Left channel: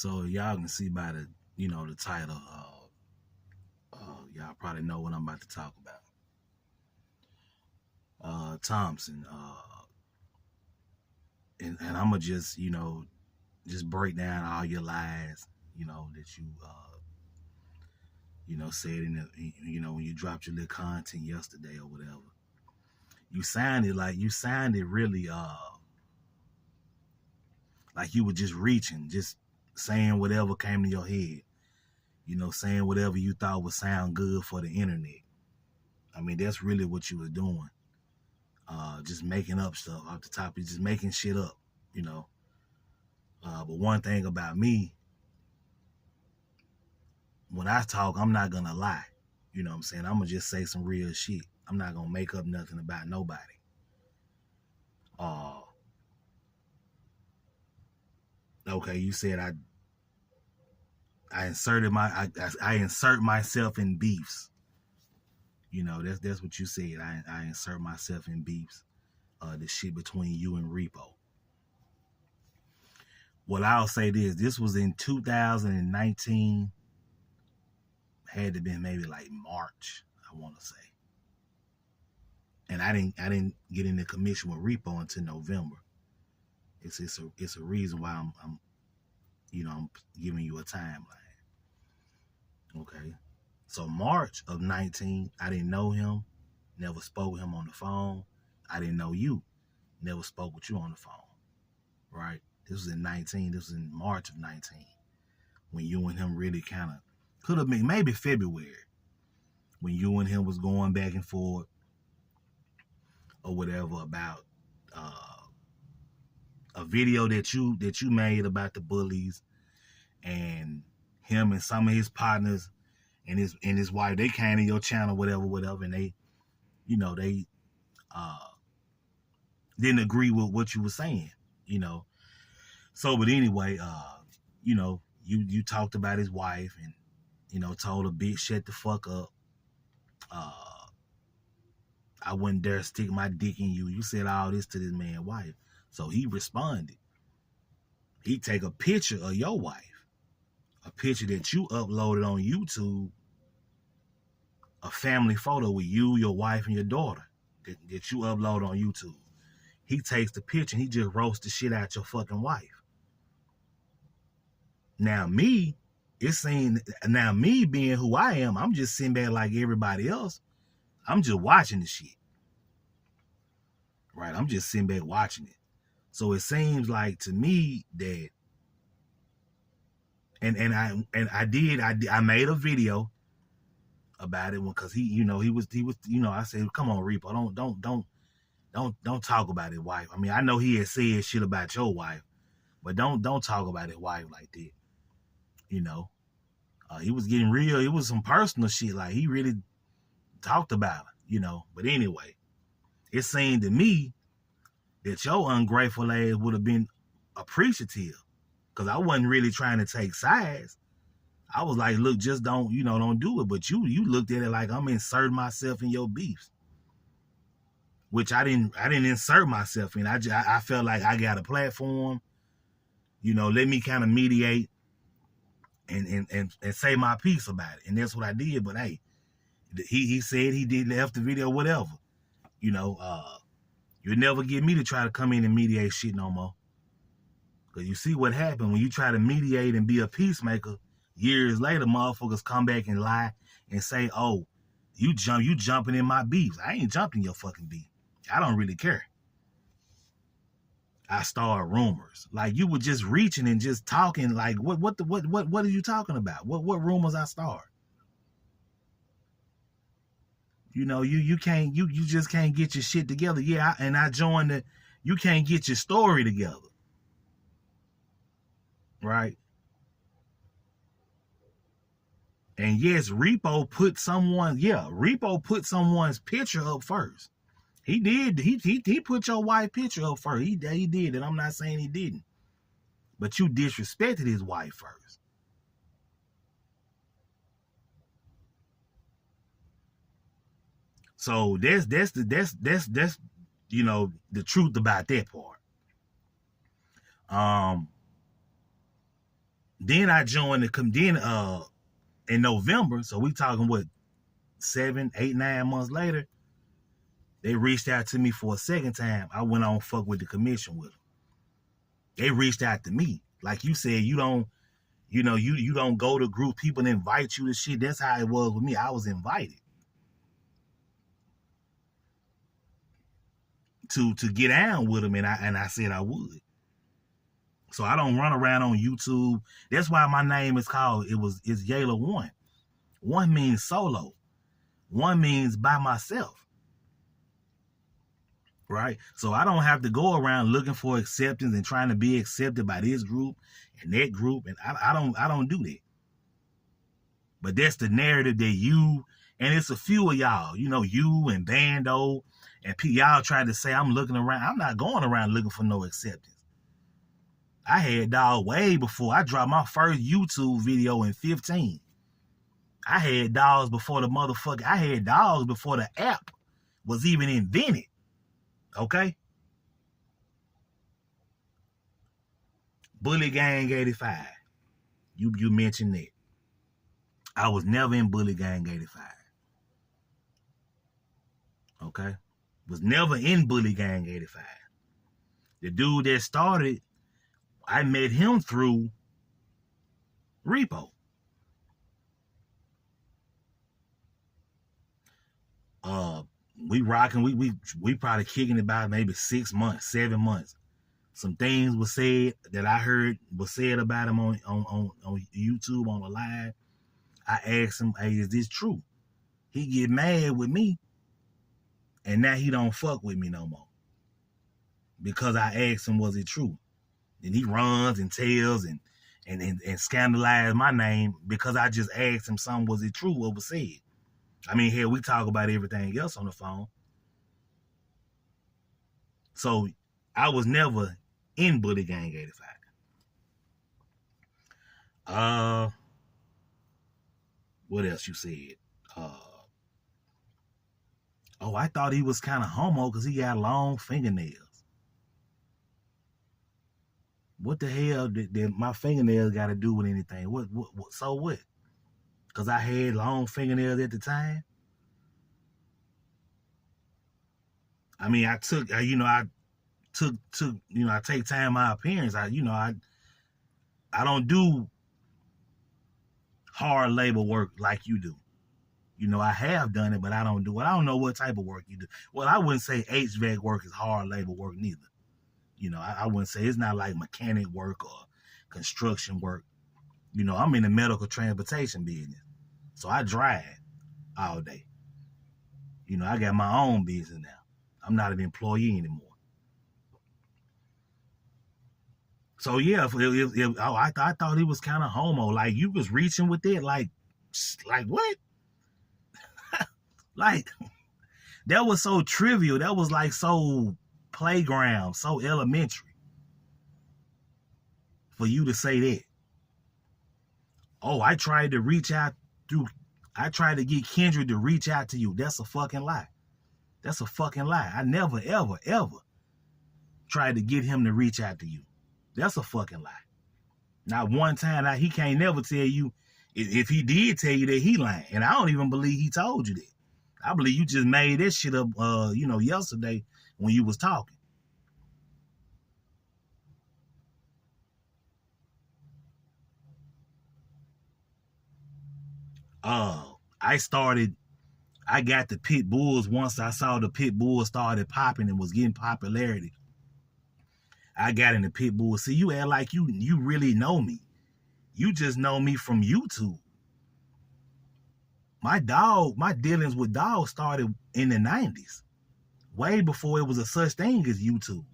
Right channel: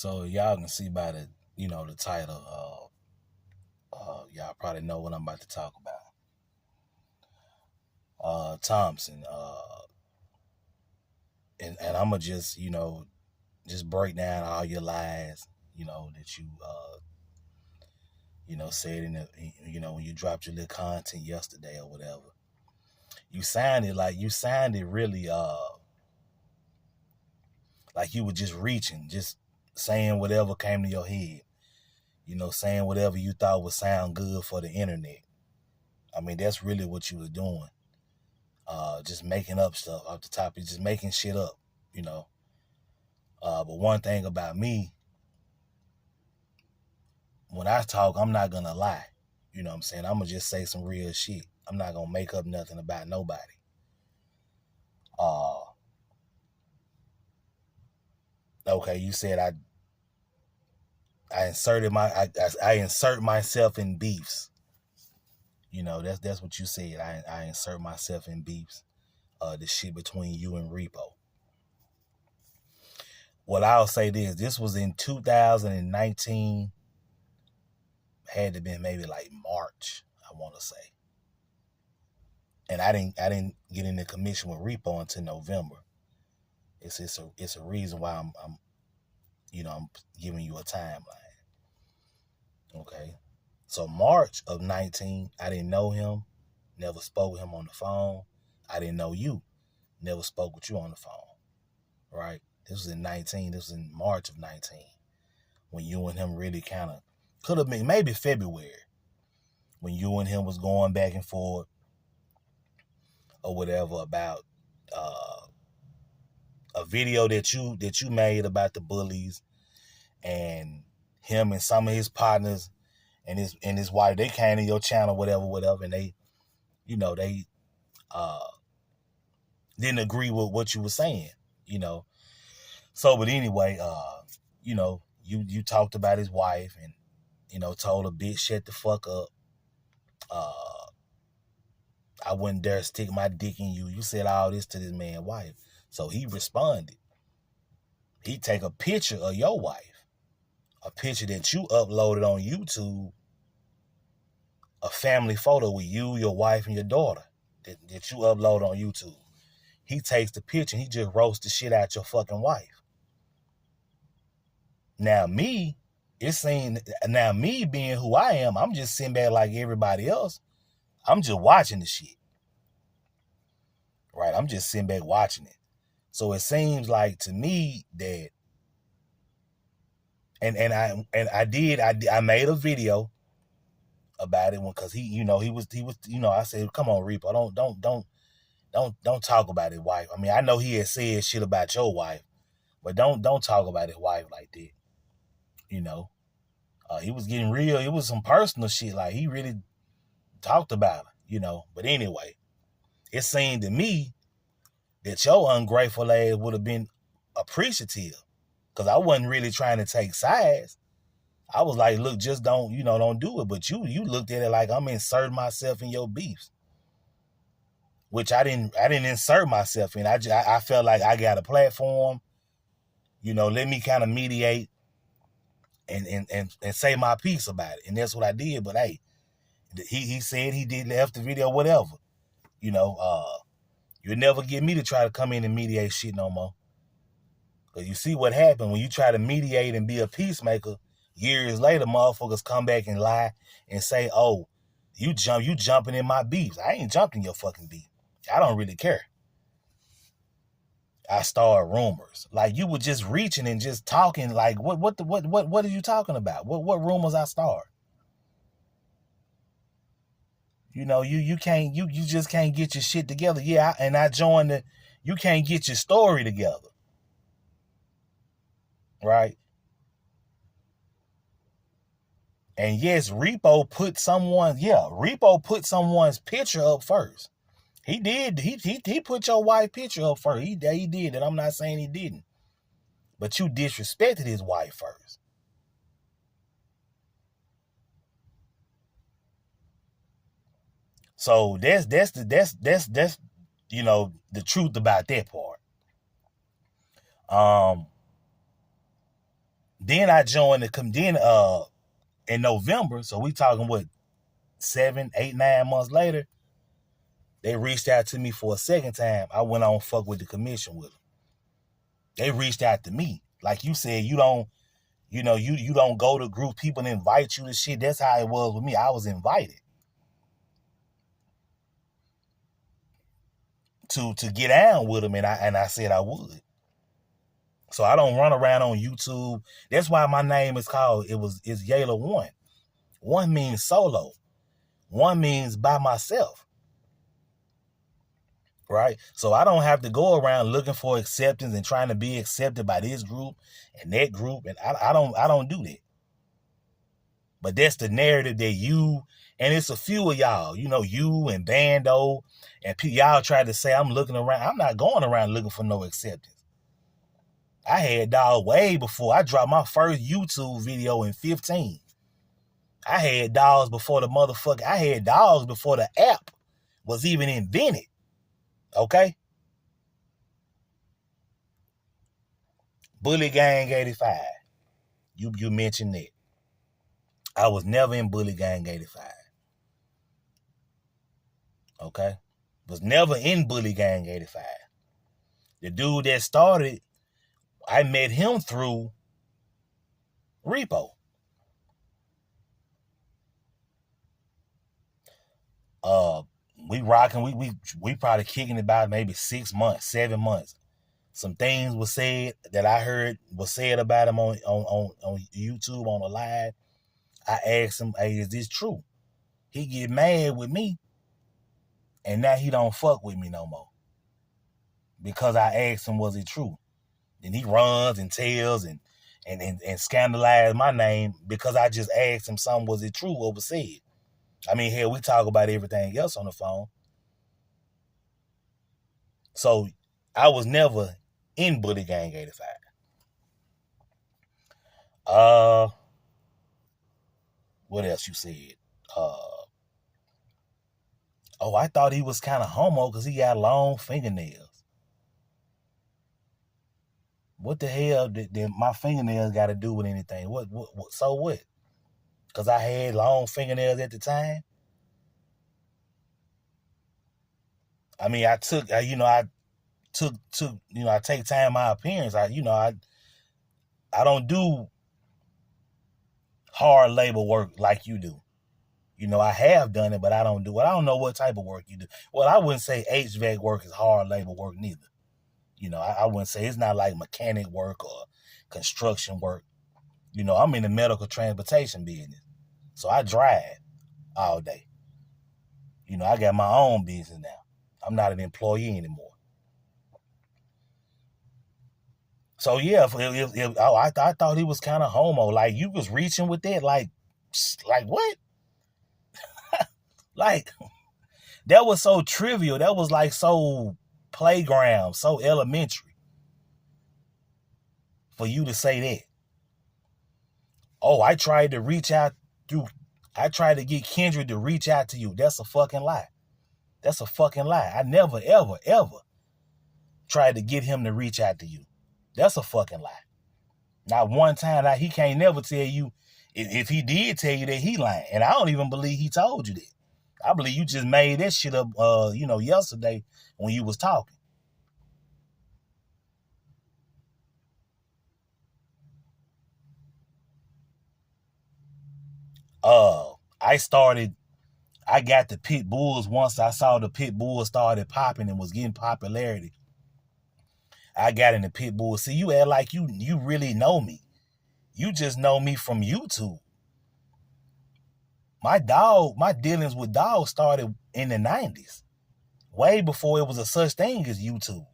So y'all can see by the, the title, y'all probably know what I'm about to talk about. Thompson, and I'm gonna just, just break down all your lies, that you said in the, when you dropped your little content yesterday or whatever. You sounded really, like you were just reaching, just saying whatever came to your head, saying whatever you thought would sound good for the internet. I mean, that's really what you was doing. Just making up stuff off the top, just making shit up, But one thing about me, when I talk, I'm not gonna lie. You know what I'm saying? I'm gonna just say some real shit. I'm not gonna make up nothing about nobody. Okay, you said I insert myself in beefs. That's what you said. I insert myself in beefs. The shit between you and Repo. Well, I'll say this was in 2019. Had to been maybe like March, I want to say. And I didn't get in the commission with Repo until November. It's a reason why I'm giving you a timeline. Okay. So March of 19, I didn't know him, never spoke with him on the phone. I didn't know you, never spoke with you on the phone. Right? This was in 19, this was in March of 19. When you and him really kind of, could have been maybe February, when you and him was going back and forth or whatever about a video that you made about the bullies, and him and some of his partners and his wife, they came to your channel, whatever, and they, they didn't agree with what you were saying, So, but anyway, you talked about his wife and, told her, bitch, shut the fuck up. I wouldn't dare stick my dick in you. You said all this to this man's wife. So he responded. He take a picture of your wife, a picture that you uploaded on YouTube, a family photo with you, your wife, and your daughter that you upload on YouTube. He takes the picture and he just roasts the shit out your fucking wife. Now me being who I am, I'm just sitting back like everybody else. I'm just watching the shit. Right? I'm just sitting back watching it. So it seems like to me that, I made a video about it because he was, I said, come on, Repo, don't talk about his wife. I mean, I know he had said shit about your wife, but don't talk about his wife like that. He was getting real. It was some personal shit. Like, he really talked about her, But anyway, it seemed to me that your ungrateful ass would have been appreciative, because I wasn't really trying to take sides. I was like, look, just don't do it. But you looked at it like I'm inserting myself in your beefs, which I didn't insert myself in. I felt like I got a platform, let me kind of mediate and say my piece about it. And that's what I did. But hey, he said he did left the video, whatever. You'll never get me to try to come in and mediate shit no more. Because you see what happened when you try to mediate and be a peacemaker. Years later, motherfuckers come back and lie and say, oh, you jumping in my beefs. I ain't jumping your fucking beef. I don't really care. I start rumors. Like, you were just reaching and just talking. Like, what are you talking about? What rumors I start? You just can't get your shit together. Yeah, and I joined you can't get your story together. Right? And yes, Repo put someone's picture up first. He did. He put your wife picture up first. He did, and I'm not saying he didn't. But you disrespected his wife first. So that's the truth about that part. Then I joined in November, so we talking what, 7, 8, 9 months later, they reached out to me for a second time. I went on fuck with the commission with them. They reached out to me. Like you said, you don't go to group, people invite you to shit. That's how it was with me. I was invited to get down with them, and I said I would. So I don't run around on YouTube. That's why my name is called, it's Yayla One. One means solo. One means by myself. Right? So I don't have to go around looking for acceptance and trying to be accepted by this group and that group. And I don't do that. But that's the narrative that you, and it's a few of y'all, you and Bando, and y'all try to say I'm looking around. I'm not going around looking for no acceptance. I had dogs way before I dropped my first YouTube video in 15. I had dogs before I had dogs before the app was even invented. Okay? Bully Gang 85. You mentioned that. I was never in Bully Gang 85. Okay? Was never in Bully Gang 85. The dude that started, I met him through Repo. We rocking, we probably kicking it about maybe 6 months, 7 months. Some things were said that I heard was said about him on YouTube on the live. I asked him, hey, is this true? He get mad with me, and now he don't fuck with me no more. Because I asked him, was it true? Then he runs and tells and scandalized my name because I just asked him something, was it true what was said? I mean, hell, we talk about everything else on the phone. So I was never in Bully Gang 85. What else you said? I thought he was kind of homo because he got long fingernails. What the hell did my fingernails got to do with anything? What so what? Because I had long fingernails at the time. I mean, I take time in my appearance. I don't do hard labor work like you do. I have done it, but I don't do it. I don't know what type of work you do. Well, I wouldn't say HVAC work is hard labor work neither. I wouldn't say it's not like mechanic work or construction work. I'm in the medical transportation business. So I drive all day. I got my own business now. I'm not an employee anymore. So yeah, I thought he was kind of homo. Like you was reaching with that, like what? Like that was so trivial. That was like so playground, so elementary for you to say that. Oh, I tried to get Kendrick to reach out to you. That's a fucking lie. That's a fucking lie. I never, ever, ever tried to get him to reach out to you. That's a fucking lie. Not one time. He can't never tell you. If he did tell you that, he lying. And I don't even believe he told you that. I believe you just made that shit up, yesterday when you was talking. I got the pit bulls once I saw the pit bulls started popping and was getting popularity. I got in the pit bull. See, you act like you really know me. You just know me from YouTube. My dealings with dogs started in the 90s. Way before it was a such thing as YouTube.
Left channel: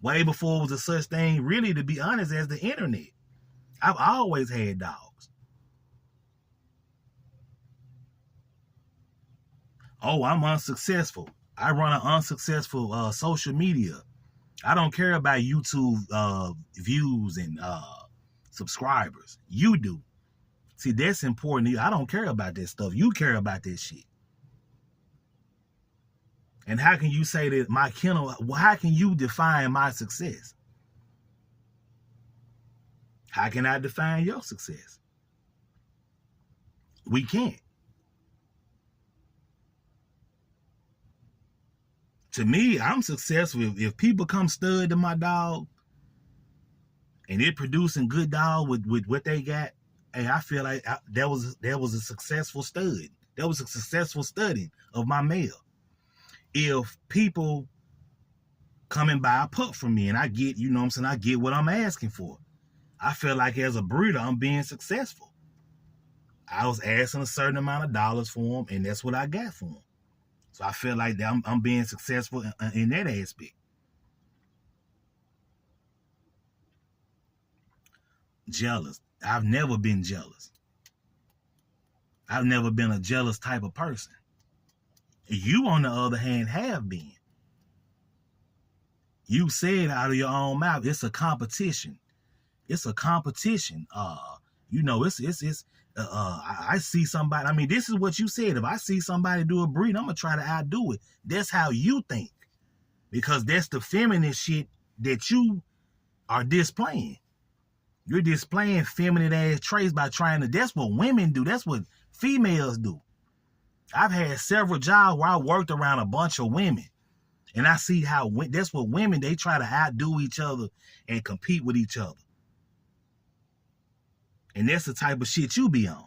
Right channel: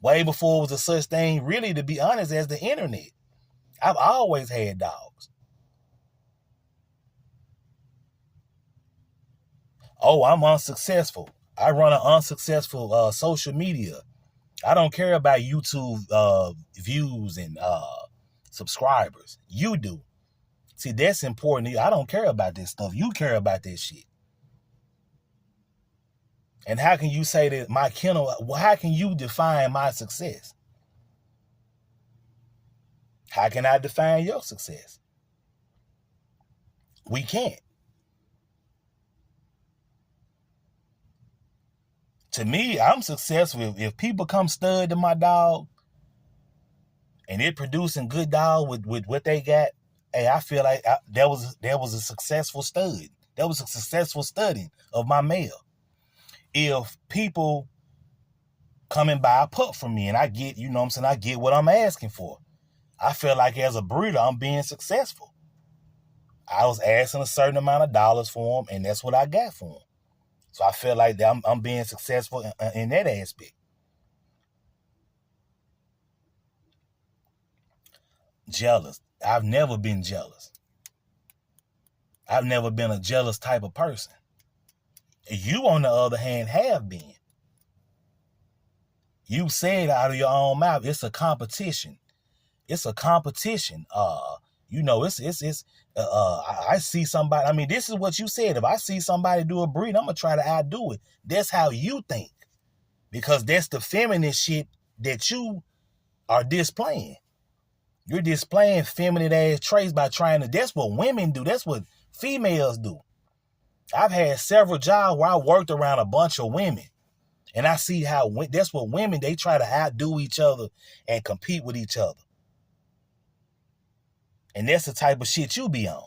Way before it was a such thing, really, to be honest, as the internet. I've always had dogs. Oh, I'm unsuccessful. I run an unsuccessful social media. I don't care about YouTube views and subscribers. You do. See, that's important. I don't care about this stuff. You care about this shit. And how can you say that my kennel, how can you define my success? How can I define your success? We can't. To me, I'm successful if people come stud to my dog and they're producing good dog with what they got. Hey, I feel like that was a successful stud. That was a successful study of my male. If people come and buy a pup from me and I get, you know what I'm saying, I get what I'm asking for, I feel like as a breeder, I'm being successful. I was asking a certain amount of dollars for them, and that's what I got for them. So I feel like I'm being successful in that aspect. Jealous. I've never been jealous. I've never been a jealous type of person. You, on the other hand, have been. You said out of your own mouth, it's a competition. It's a competition. You know, I see somebody. I mean, this is what you said. If I see somebody do a breed, I'm gonna try to outdo it. That's how you think, because that's the feminine shit that you are displaying. You're displaying feminine ass traits by trying to. That's what women do. That's what females do. I've had several jobs where I worked around a bunch of women, and I see how that's what women, they try to outdo each other and compete with each other. And that's the type of shit you be on.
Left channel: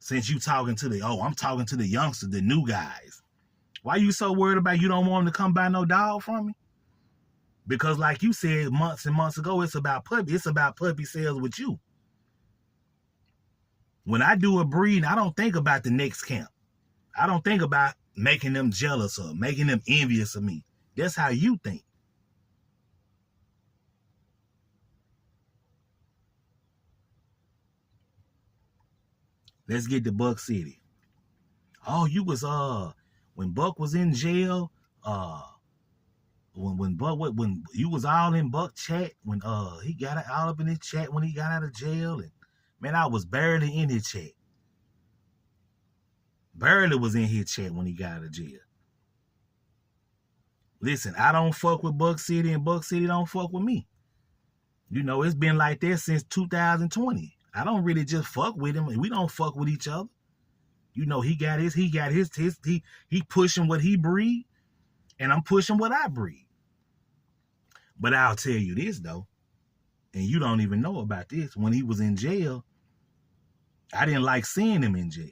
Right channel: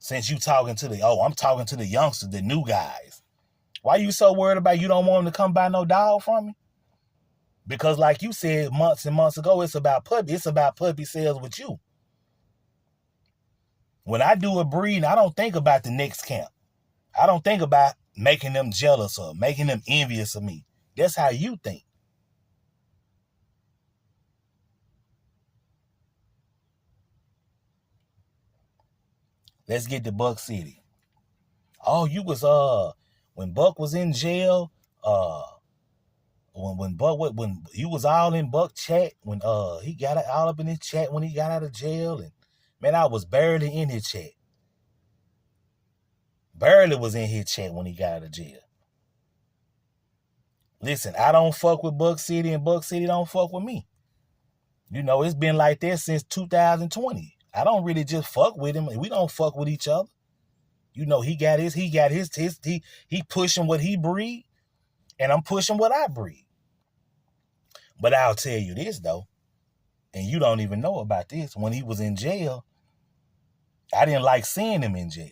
Since you talking to I'm talking to the youngsters, the new guys. Why you so worried about you don't want them to come buy no dog from me? Because like you said months and months ago, it's about puppy sales with you. When I do a breed, I don't think about the next camp. I don't think about making them jealous or making them envious of me. That's how you think. Let's get to Buck City. Oh, you was when Buck was in jail, when you was all in Buck chat, when he got all up in his chat when he got out of jail, and man, I was barely in his chat. Barely was in his chat when he got out of jail. Listen, I don't fuck with Buck City, and Buck City don't fuck with me. You know, it's been like that since 2020. I don't really just fuck with him. We don't fuck with each other. You know, he pushing what he breed, and I'm pushing what I breed. But I'll tell you this though, and you don't even know about this. When he was in jail, I didn't like seeing him in jail.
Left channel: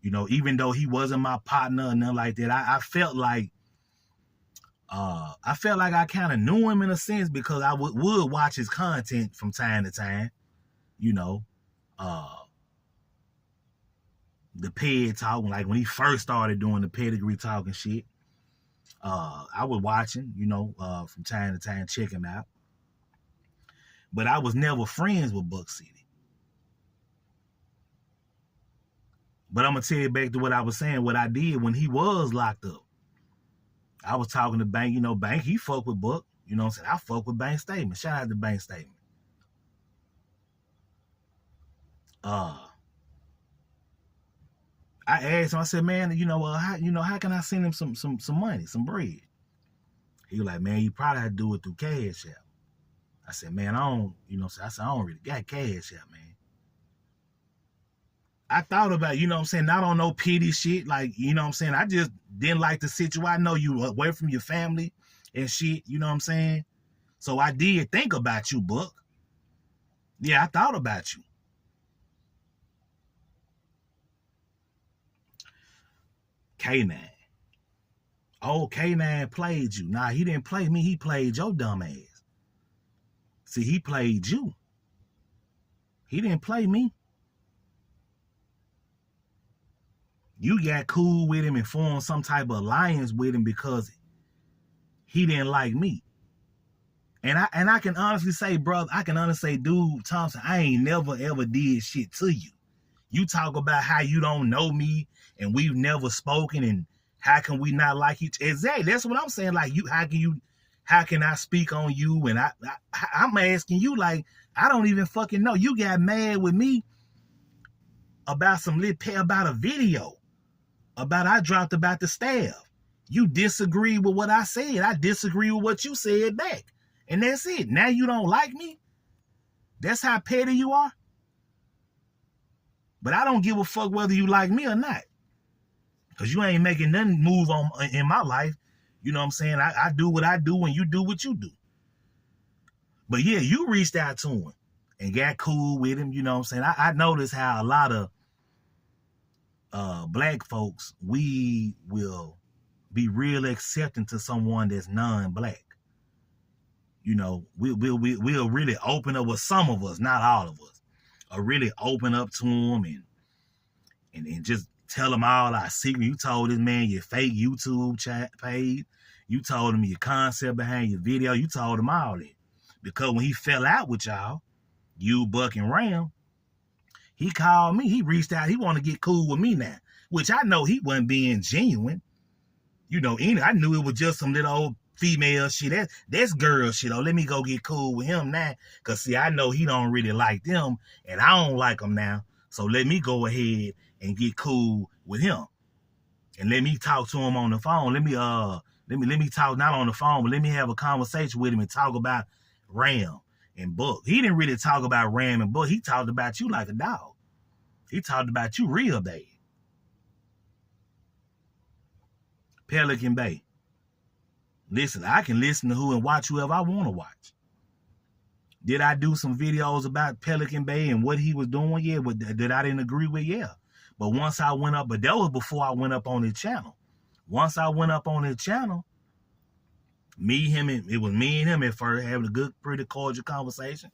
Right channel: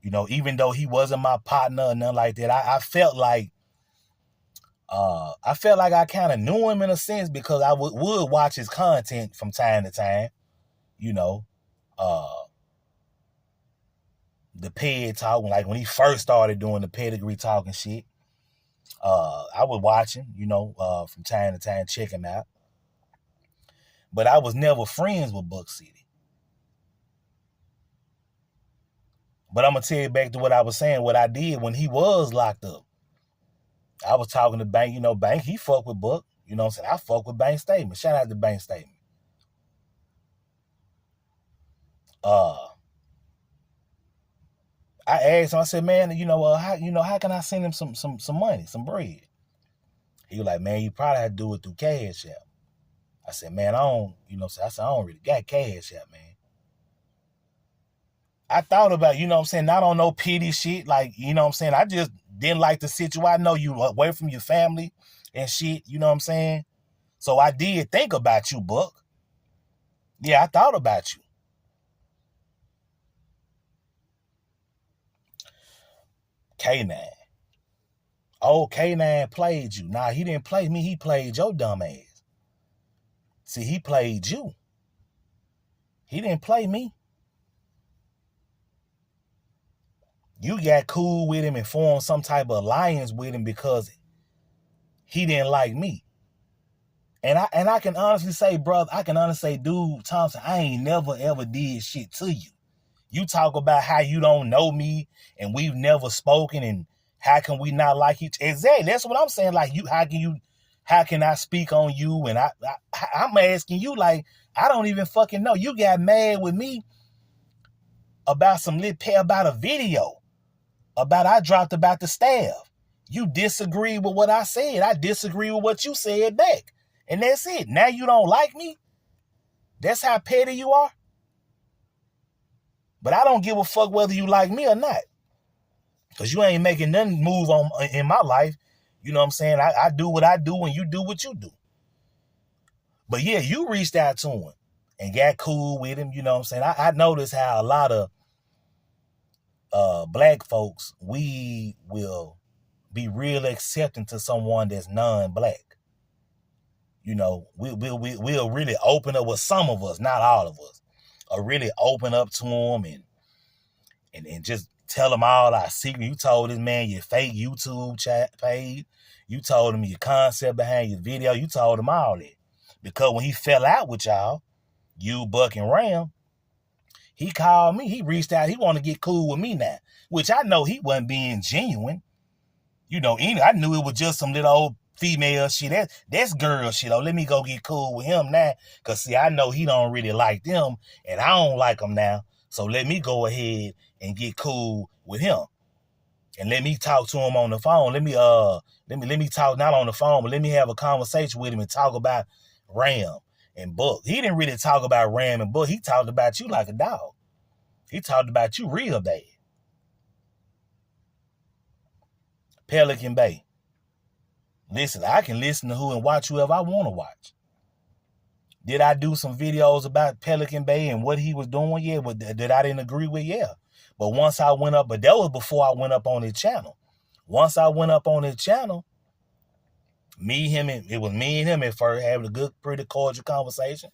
You know, even though he wasn't my partner or nothing like that, I felt like I kind of knew him in a sense, because I would watch his content from time to time. You know, the ped talk, like when he first started doing the pedigree talk and shit. I would watch him, you know, from time to time, check him out. But I was never friends with Buck City. But I'm going to tell you back to what I was saying, what I did when he was locked up. I was talking to Bank, you know, Bank, he fuck with Buck. You know what I'm saying? I fuck with Bank Statement. Shout out to Bank Statement. I asked him, I said, man, how can I send him some money, some bread? He was like, man, you probably have to do it through Cash App. I said, man, I don't really got Cash App, man. I thought about, you know what I'm saying, not on no pity shit, like, you know what I'm saying, I just didn't like the situation. I know you away from your family and shit, you know what I'm saying? So I did think about you, Buck. Yeah, I thought about you. Kanan. Oh, Kanan played you. Nah, he didn't play me. He played your dumb ass. See, he played you. He didn't play me. You got cool with him and formed some type of alliance with him because he didn't like me. And I can honestly say, brother, dude, Thompson, I ain't never ever did shit to you. You talk about how you don't know me and we've never spoken, and how can we not like each other? Exactly. That's what I'm saying. Like, how can I speak on you? And I'm asking you, like, I don't even fucking know. You got mad with me about about a video I dropped about the staff. You disagree with what I said. I disagree with what you said back. And that's it. Now you don't like me? That's how petty you are? But I don't give a fuck whether you like me or not. Because you ain't making nothing move on in my life. You know what I'm saying? I do what I do and you do what you do. But yeah, you reached out to him and got cool with him. You know what I'm saying? I noticed how a lot of black folks, we will be real accepting to someone that's non-black. You know, we'll really open up with some of us, not all of us, or really open up to them and just tell them all our secret. You told this man your fake YouTube page. You told him your concept behind your video. You told him all that. Because when he fell out with y'all, you, Buck, and Ram, he called me. He reached out. He wanted to get cool with me now, which I know he wasn't being genuine. You know, I knew it was just some little old female shit. That's girl shit. Oh, let me go get cool with him now. Because, see, I know he don't really like them, and I don't like them now. So let me go ahead and get cool with him. And let me talk to him on the phone. Let me talk, not on the phone, but let me have a conversation with him and talk about Ram and Buck. He didn't really talk about Ram and Buck. He talked about you like a dog. He talked about you real bad. Pelican Bay. Listen, I can listen to who and watch whoever I want to watch. Did I do some videos about Pelican Bay and what he was doing? Yeah, but that I didn't agree with? Yeah. But once I went up, but that was before I went up on his channel. Once I went up on his channel, it was me and him at first having a good, pretty cordial conversation.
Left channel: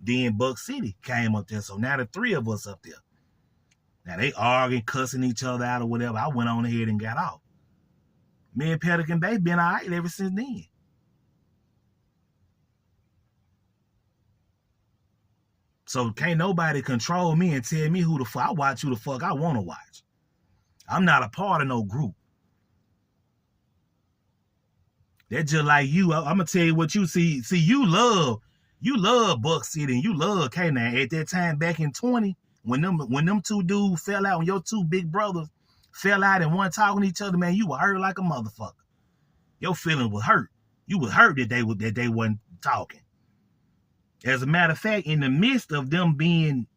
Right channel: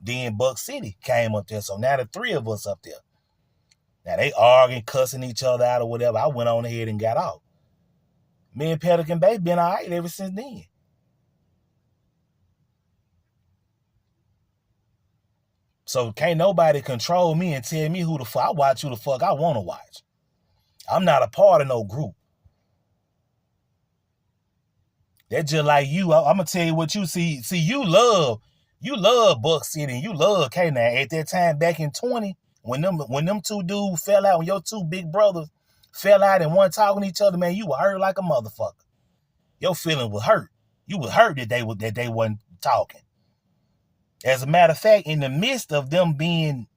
Then Buck City came up there. So now the three of us up there. Now they arguing, cussing each other out or whatever. I went on ahead and got out. Me and Pelican Bay been all right ever since then. So can't nobody control me and tell me who the fuck I watch, who the fuck I want to watch. I'm not a part of no group. That's just like you. I'm gonna tell you what you see. See, you love Buck City and you love Kanan. At that time back in 20, when them two dudes fell out, when your two big brothers fell out and weren't talking to each other, man, you were hurt like a motherfucker. Your feelings was hurt. You was hurt that they wasn't talking. As a matter of fact, in the midst of them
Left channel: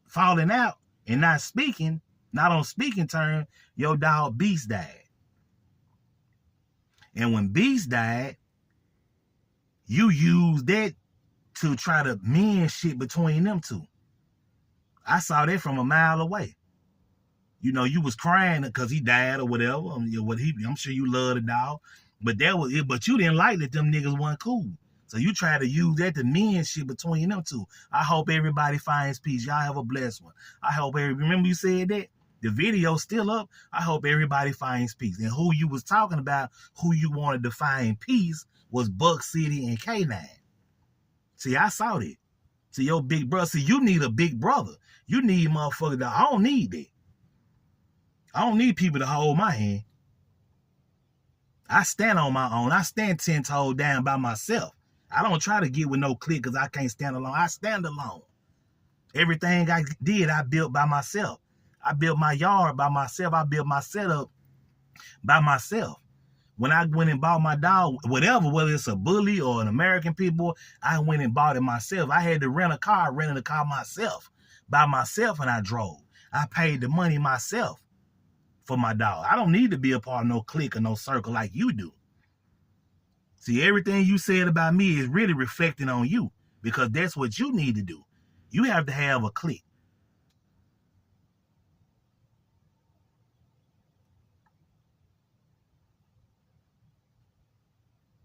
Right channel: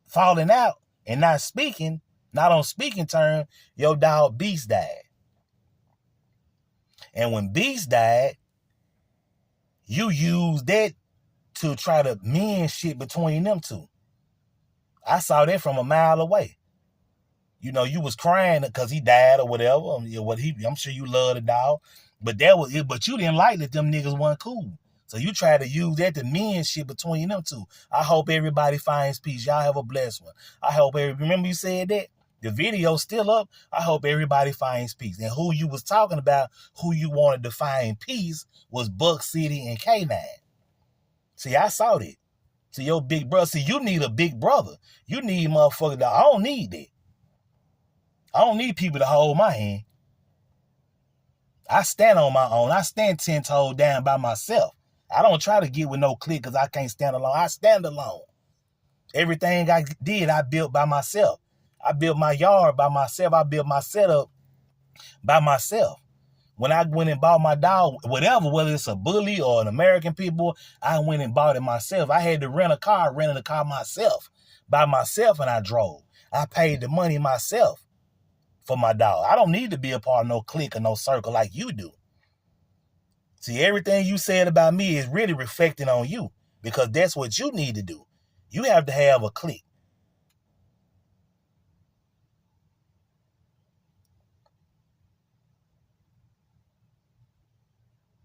falling out and not speaking, not on speaking terms, your dog Beast died. And when Beast died, you used that to try to mend shit between them two. I saw that from a mile away. You know, you was crying because he died or whatever. I'm sure you love the dog. But that was it. But you didn't like that them niggas weren't cool. So you tried to use that to mend shit between them two. I hope everybody finds peace. Y'all have a blessed one. Remember you said that? The video's still up. I hope everybody finds peace. And who you was talking about, who you wanted to find peace, was Buck City and Kanan. See, I saw that. See, your big brother. See, you need a big brother. You need motherfucker. I don't need that. I don't need people to hold my hand. I stand on my own. I stand 10 toes down by myself. I don't try to get with no clique because I can't stand alone. I stand alone. Everything I did, I built by myself. I built my yard by myself. I built my setup by myself. When I went and bought my dog, whatever, whether it's a bully or an American Pitbull, I went and bought it myself. I had to rented a car myself, by myself, and I drove. I paid the money myself for my dog. I don't need to be a part of no clique or no circle like you do. See, everything you said about me is really reflecting on you because that's what you need to do. You have to have a clique.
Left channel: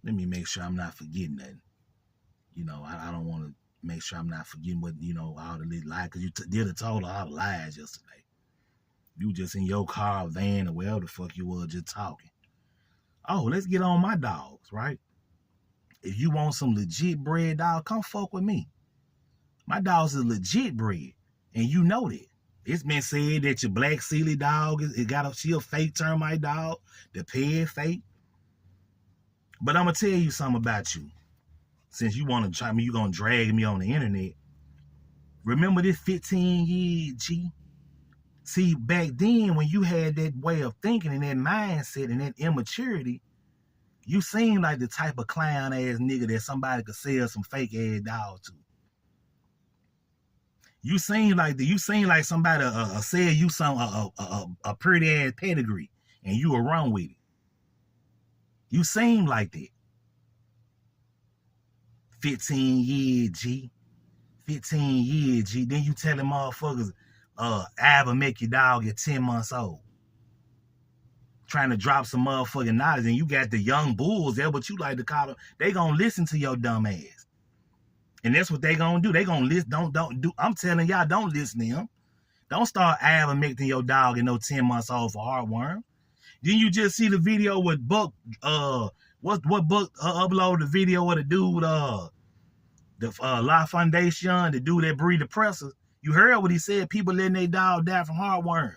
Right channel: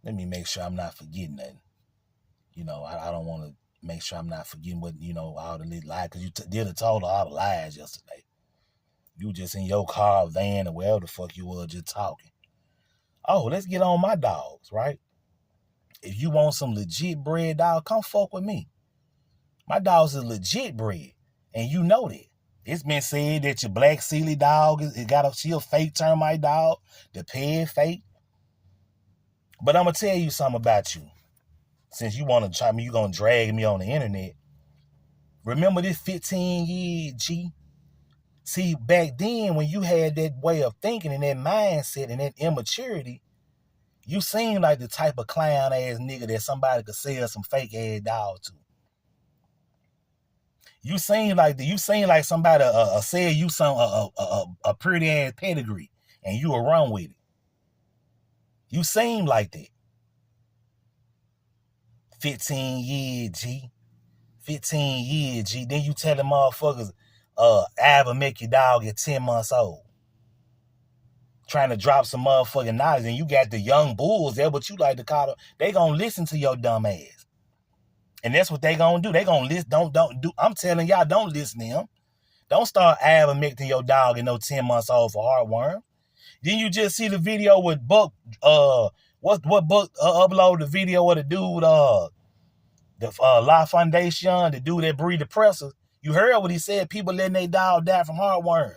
Let me make sure I'm not forgetting nothing. You know, I don't want to make sure I'm not forgetting what, all the little lies, because you did told all the lies yesterday. You just in your car, van, or wherever the fuck you were, just talking. Oh, let's get on my dogs, right? If you want some legit breed, dog, come fuck with me. My dogs is legit breed, and you know that. It's been said that your black Sealy dog, she a fake termite dog, the peg fake. But I'm going to tell you something about you. Since you want to try me, you going to drag me on the internet. Remember this 15 years, G? See, back then when you had that way of thinking and that mindset and that immaturity, You seem like the type of clown ass nigga that somebody could sell some fake ass dog to. You seem like somebody sell you some a pretty ass pedigree and you were wrong with it. You seem like that. 15 years, G. 15 years, G. Then you telling motherfuckers, I will make your dog at 10 months old. Trying to drop some motherfucking knowledge, and you got the young bulls there, but you like to call them. They gonna listen to your dumb ass. And that's what they gonna do. They gonna listen. Don't do. I'm telling y'all, don't listen to him. Don't start ivermectin your dog at no 10 months old for heartworm. Then you just see the video with Buck, what Buck uploaded the video of the dude, the La Foundation, the dude that breed depressors. You heard what he said, people letting their dog die from heartworms.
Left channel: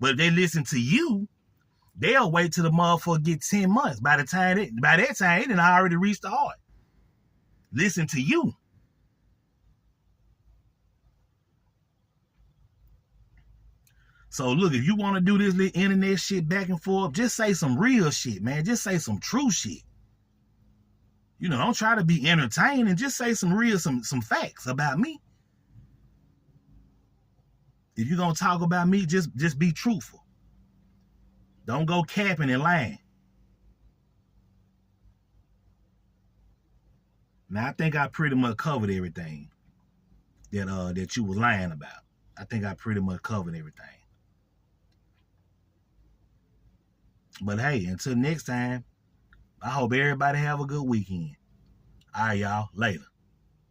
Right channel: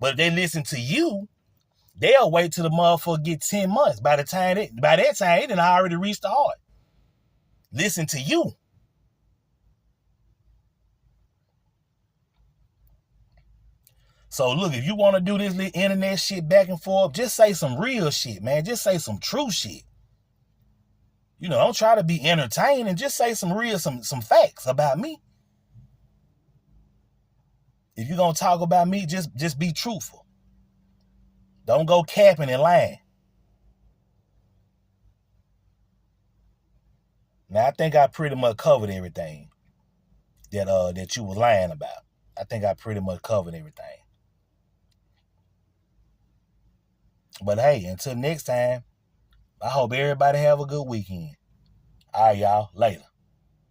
But if they listen to you, they'll wait till the motherfucker get 10 months. By that time, it done already reached the heart. Listen to you. So look, if you want to do this little internet shit back and forth, just say some real shit, man. Just say some true shit. You know, don't try to be entertaining. Just say some real, some facts about me. If you're going to talk about me, just be truthful. Don't go capping and lying. Now, I think I pretty much covered everything that you was lying about. I think I pretty much covered everything. But hey, until next time, I hope everybody have a good weekend. All right, y'all. Later.